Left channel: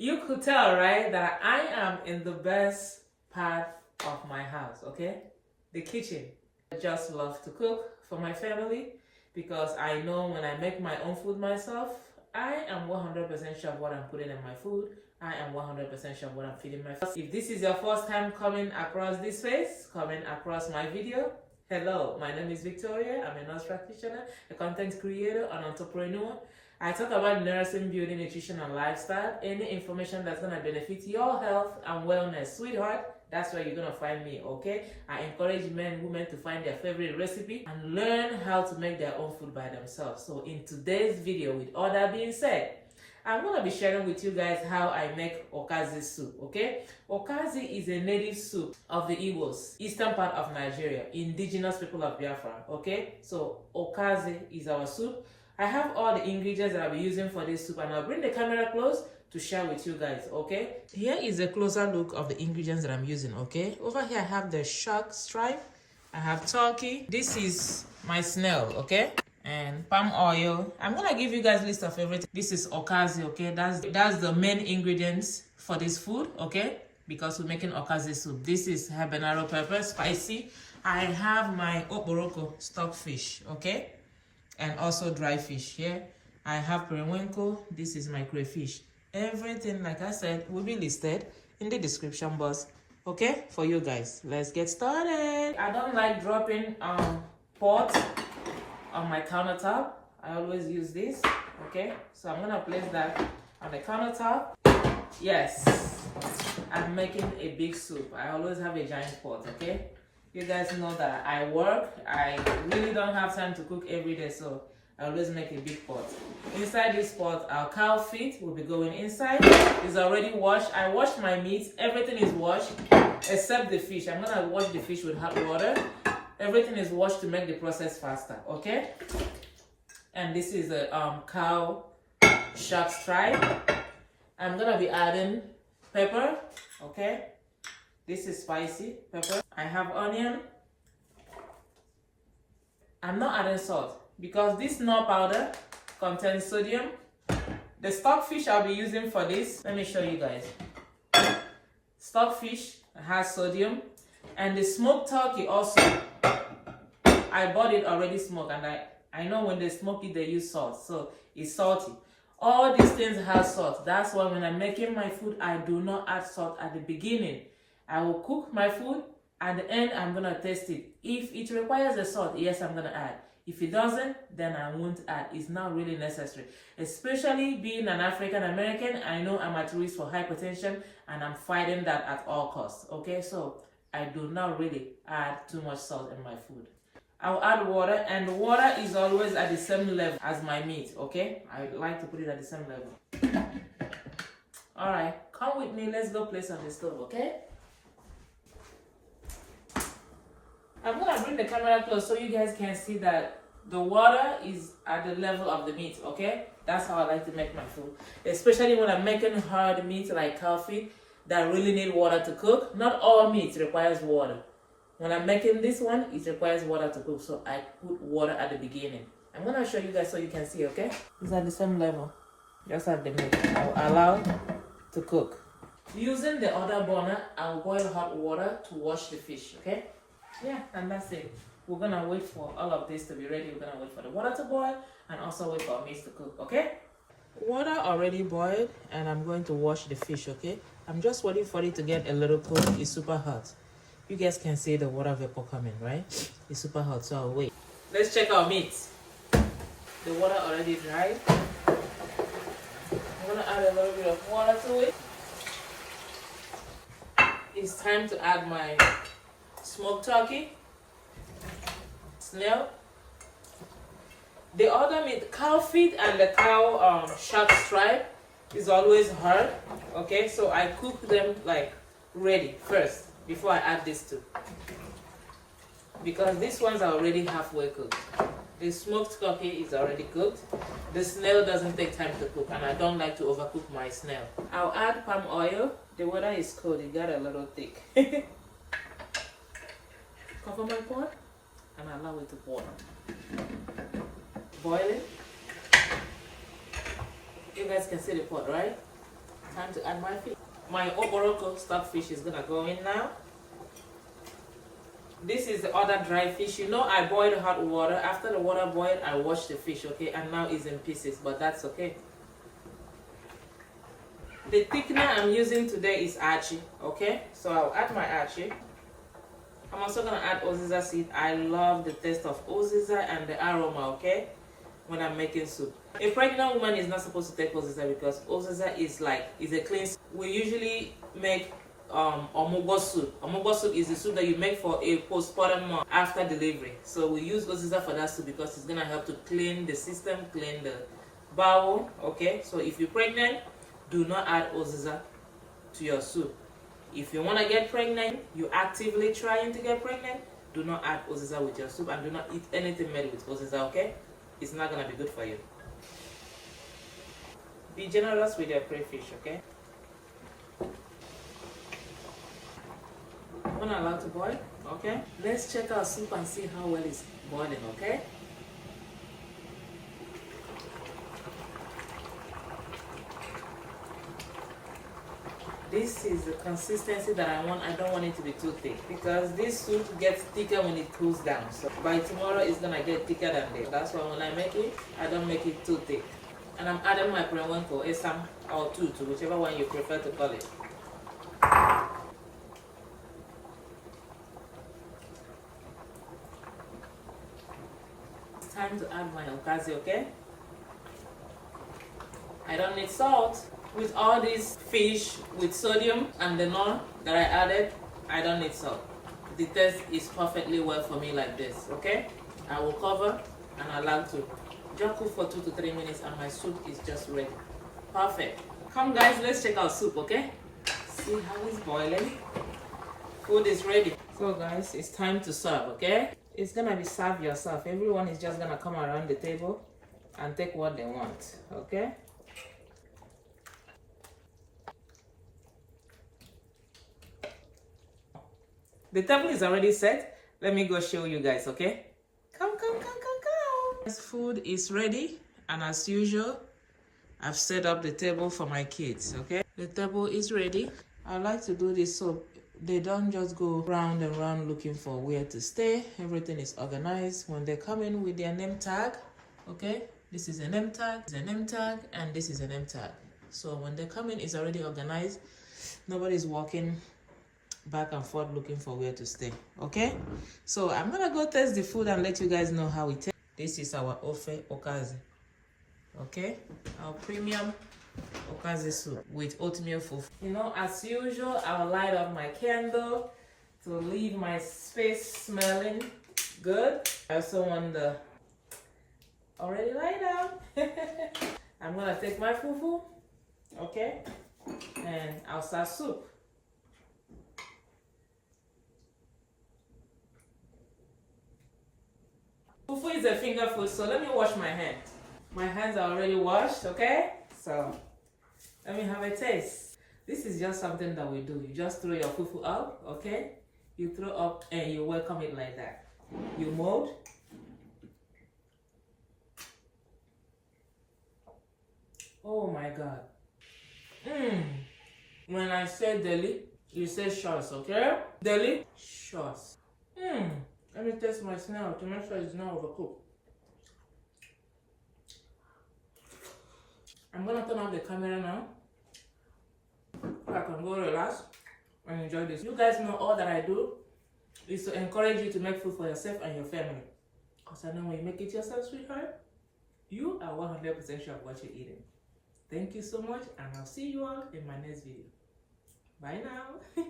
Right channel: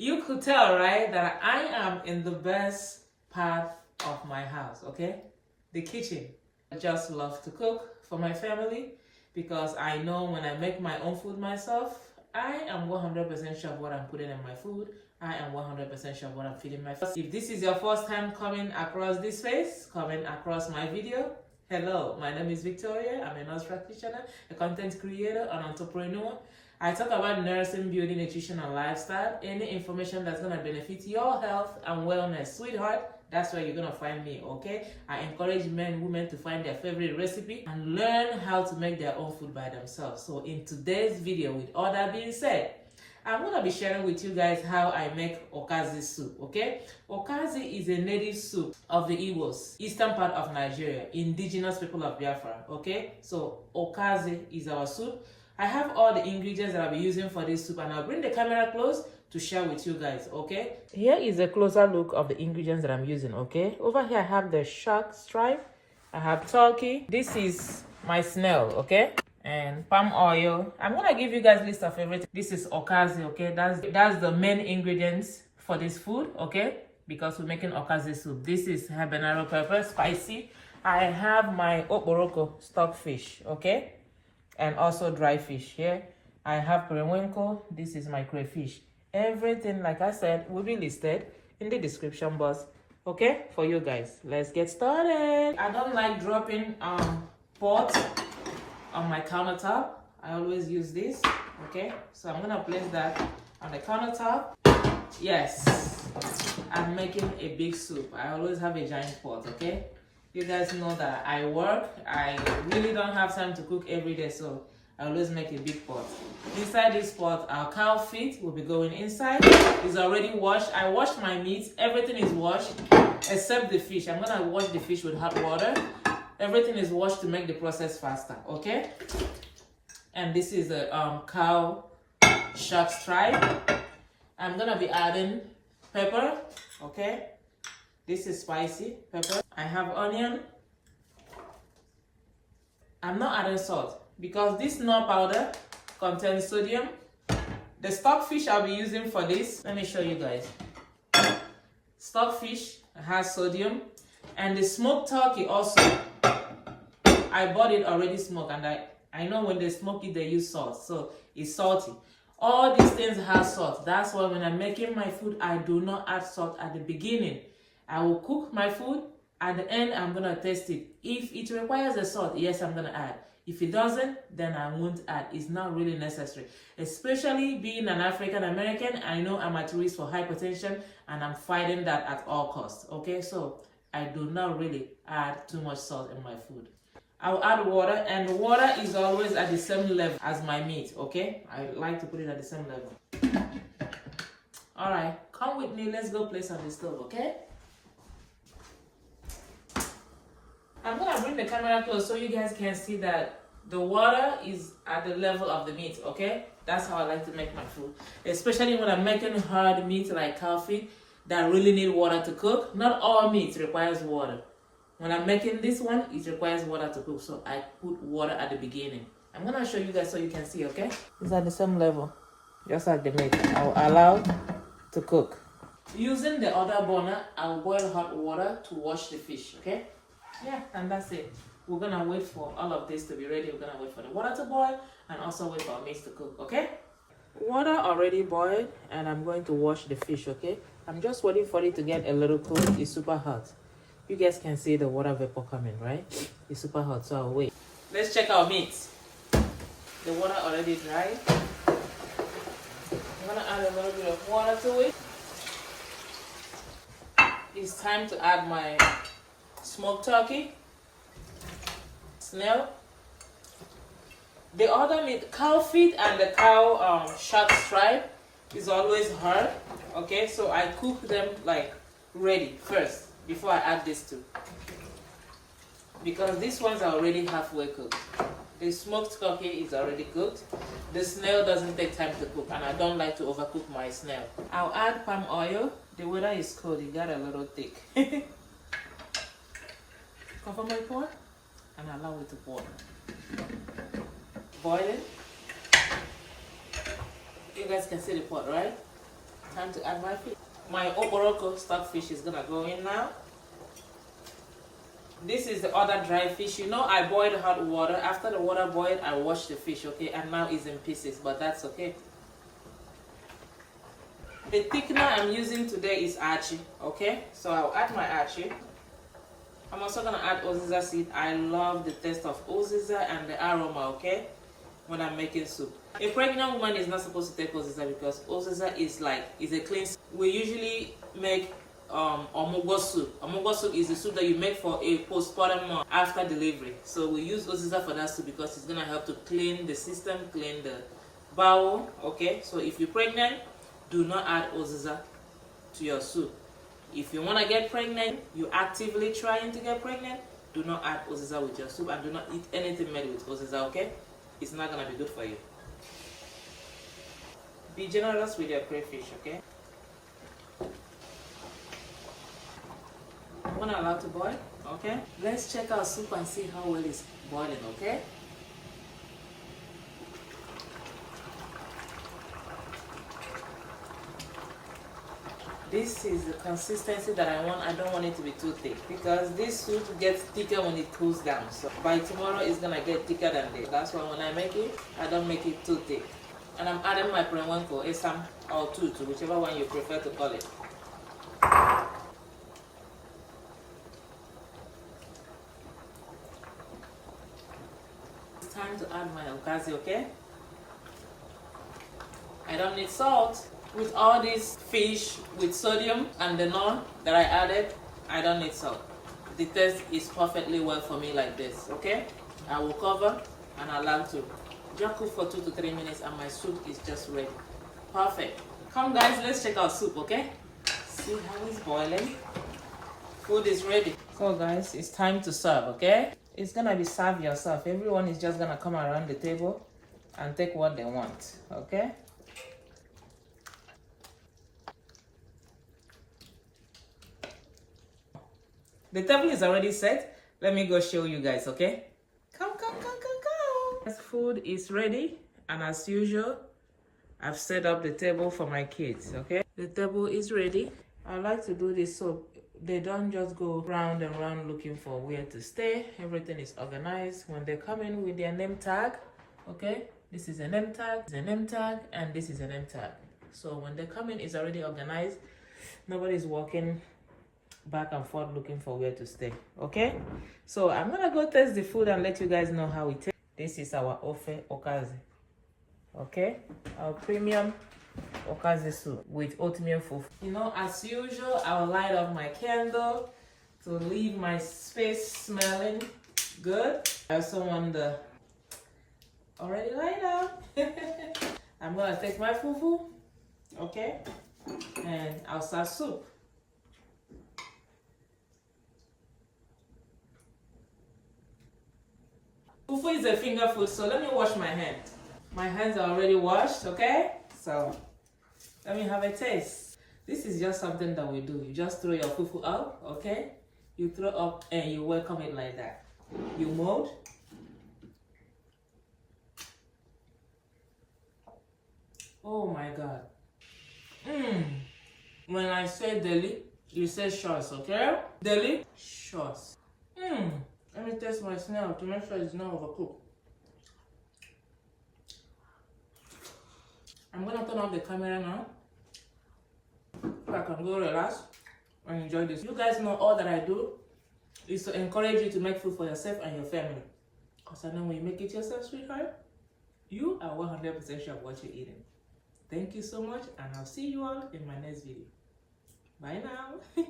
You could tell, right, that I am in the best part of my house, okay? The kitchen. I just love to cook for my family because I know when I make my own food myself, I am 100% sure of what I'm putting in my food. I am 100% sure of what I'm feeding my food. If this is your first time coming across this space, coming across my video, hello, my name is Victoria. I'm a nurse practitioner, a content creator, an entrepreneur. I talk about nursing, beauty, nutrition, and lifestyle. Any information that's going to benefit your health and wellness, sweetheart, that's where you're going to find me, okay? I encourage men and women to find their favorite recipe and learn how to make their own food by themselves. So in today's video, with all that being said, I'm going to be sharing with you guys how I make Ukazi soup, okay? Ukazi is a native soup of the Igbos, eastern part of Nigeria, indigenous people of Biafra, okay? So Ukazi is our soup. I have all the ingredients that I'll be using for this soup, and I'll bring the camera close to share with you guys, okay? Here is a closer look of the ingredients that I'm using, okay? Over here I have the shark stripe, I have turkey, this is my snail, okay? And palm oil. I'm gonna give you guys a list of everything. This is Ukazi, okay? That's the main ingredients for this food, okay? Because we're making Ukazi soup. This is habanero pepper, spicy. I have my okporoko stockfish, okay? And also dry fish here. I have periwinkle. This is my crayfish. Everything, like I said, will be listed in the description box, okay, for you guys. Let's get started. I don't like dropping pot on my countertop. I always use this, okay? So I'm gonna place that on the countertop. Yes, I'm making a big soup. I always have a giant pot, okay? You guys know that I work. I really don't have time to cook every day, so I always make a big pot. Inside this pot, our cow feet will be going inside. It's already washed. I wash my meat. Everything is washed except the fish. I'm gonna wash the fish with hot water. Everything is washed to make the process faster, okay? And this is a cow shark stripe. I'm gonna be adding pepper, okay? This is spicy pepper. I have onion. I'm not adding salt because this Knor powder contains sodium. The stockfish I'll be using for this, let me show you guys. Stockfish has sodium, and the smoked turkey also. I bought it already smoked, and I know when they smoke it, they use salt, so it's salty. All these things have salt. That's why when I'm making my food, I do not add salt at the beginning. I will cook my food. At the end, I'm going to taste it. If it requires the salt, yes, I'm going to add. If it doesn't, then I won't add. It's not really necessary. Especially being an African American, I know I'm at risk for hypertension, and I'm fighting that at all costs. Okay, so I do not really add too much salt in my food. I'll add water, and the water is always at the same level as my meat, okay? I like to put it at the same level. All right, come with me. Let's go place on the stove, okay? I'm gonna bring the camera close so you guys can see that the water is at the level of the meat, okay? That's how I like to make my food. Especially when I'm making hard meat like Cowfeet that really need water to cook. Not all meat requires water. When I'm making this one, it requires water to cook, so I put water at the beginning. I'm gonna show you guys so you can see, okay? It's at the same level, just like the meat. I'll allow to cook. Using the other burner, I'll boil hot water to wash the fish, okay? Yeah, and that's it. We're gonna wait for all of this to be ready. We're gonna wait for the water to boil and also wait for our meat to cook, okay? Water already boiled, and I'm going to wash the fish, okay? I'm just waiting for it to get a little cool. It's super hot. You guys can see the water vapor coming, right? It's super hot, so I'll wait. Let's check our meat. The water already dried. I'm gonna add a little bit of water to it. It's time to add my smoked turkey, snail. The other meat, cow feet and the cow shark stripe is always hard, okay? So I cook them like ready first before I add this too, because these ones are already halfway cooked. The smoked turkey is already cooked. The snail doesn't take time to cook, and I don't like to overcook my snail. I'll add palm oil. The weather is cold, it got a little thick. Cover my pot and allow it to boil. Boil it. You guys can see the pot, right? Time to add my fish. My oboroko stockfish is gonna go in now. This is the other dry fish. You know, I boiled hot water. After the water boiled, I washed the fish, okay? And now it's in pieces, but that's okay. The thickener I'm using today is Achi, okay? So I'll add my Achi. I'm also gonna add Uziza seed. I love the taste of Uziza and the aroma, okay? When I'm making soup. A pregnant woman is not supposed to take Uziza because Uziza is a clean soup. We usually make omugo soup. Omugo soup is the soup that you make for a postpartum mom after delivery. So we use Uziza for that soup because it's gonna help to clean the system, clean the bowel, okay? So if you're pregnant, do not add Uziza to your soup. If you want to get pregnant, you're actively trying to get pregnant, do not add Uziza with your soup and do not eat anything made with Uziza, okay? It's not going to be good for you. Be generous with your crayfish, okay? I'm going to allow to boil, okay? Let's check our soup and see how well it's boiling, okay? This is the consistency that I want. I don't want it to be too thick because this soup gets thicker when it cools down. So by tomorrow it's gonna get thicker than this. That's why when I make it, I don't make it too thick. And I'm adding my Periwinkle, Esam or Tutu, whichever one you prefer to call it. It's time to add my Ukazi, okay? I don't need salt. With all these fish with sodium and the Knor that I added, I don't need salt. The taste is perfectly well for me like this, okay? I will cover and allow to just cook for 2 to 3 minutes and my soup is just ready. Perfect. Come guys, let's check our soup, okay? See how it's boiling. Food is ready. So guys, it's time to serve, okay? It's gonna be serve yourself. Everyone is just gonna come around the table and take what they want, okay? The table is already set. Let me go show you guys, okay? Come. This food is ready, and as usual, I've set up the table for my kids, okay? The table is ready. I like to do this so they don't just go round and round looking for where to stay. Everything is organized. When they come in with their name tag, okay? This is a name tag, this is a name tag, and this is a name tag. So when they come in, it's already organized. Nobody's walking back and forth looking for where to stay, okay? So I'm gonna go test the food and let you guys know how it tastes. This is our Ofe Ukazi, okay? Our premium Ukazi soup with oatmeal fufu. You know, as usual, I'll light up my candle to leave my space smelling good. I also want the already light up. I'm gonna take my fufu, okay? And I'll start soup. Fufu is a finger food, so let me wash my hands. My hands are already washed, okay? So let me have a taste. This is just something that we do. You just throw your fufu out, okay? You throw up and you welcome it like that. You mold. Oh my God. When I say deli, you say shorts, okay? Deli, shorts. Let me taste my snail to make sure it's not overcooked. I'm gonna turn off the camera now so I can go relax and enjoy this. You guys know all that I do is to encourage you to make food for yourself and your family. Because I know when you make it yourself, sweetheart, you are 100% sure of what you're eating. Thank you so much, and I'll see you all in my next video. Bye now.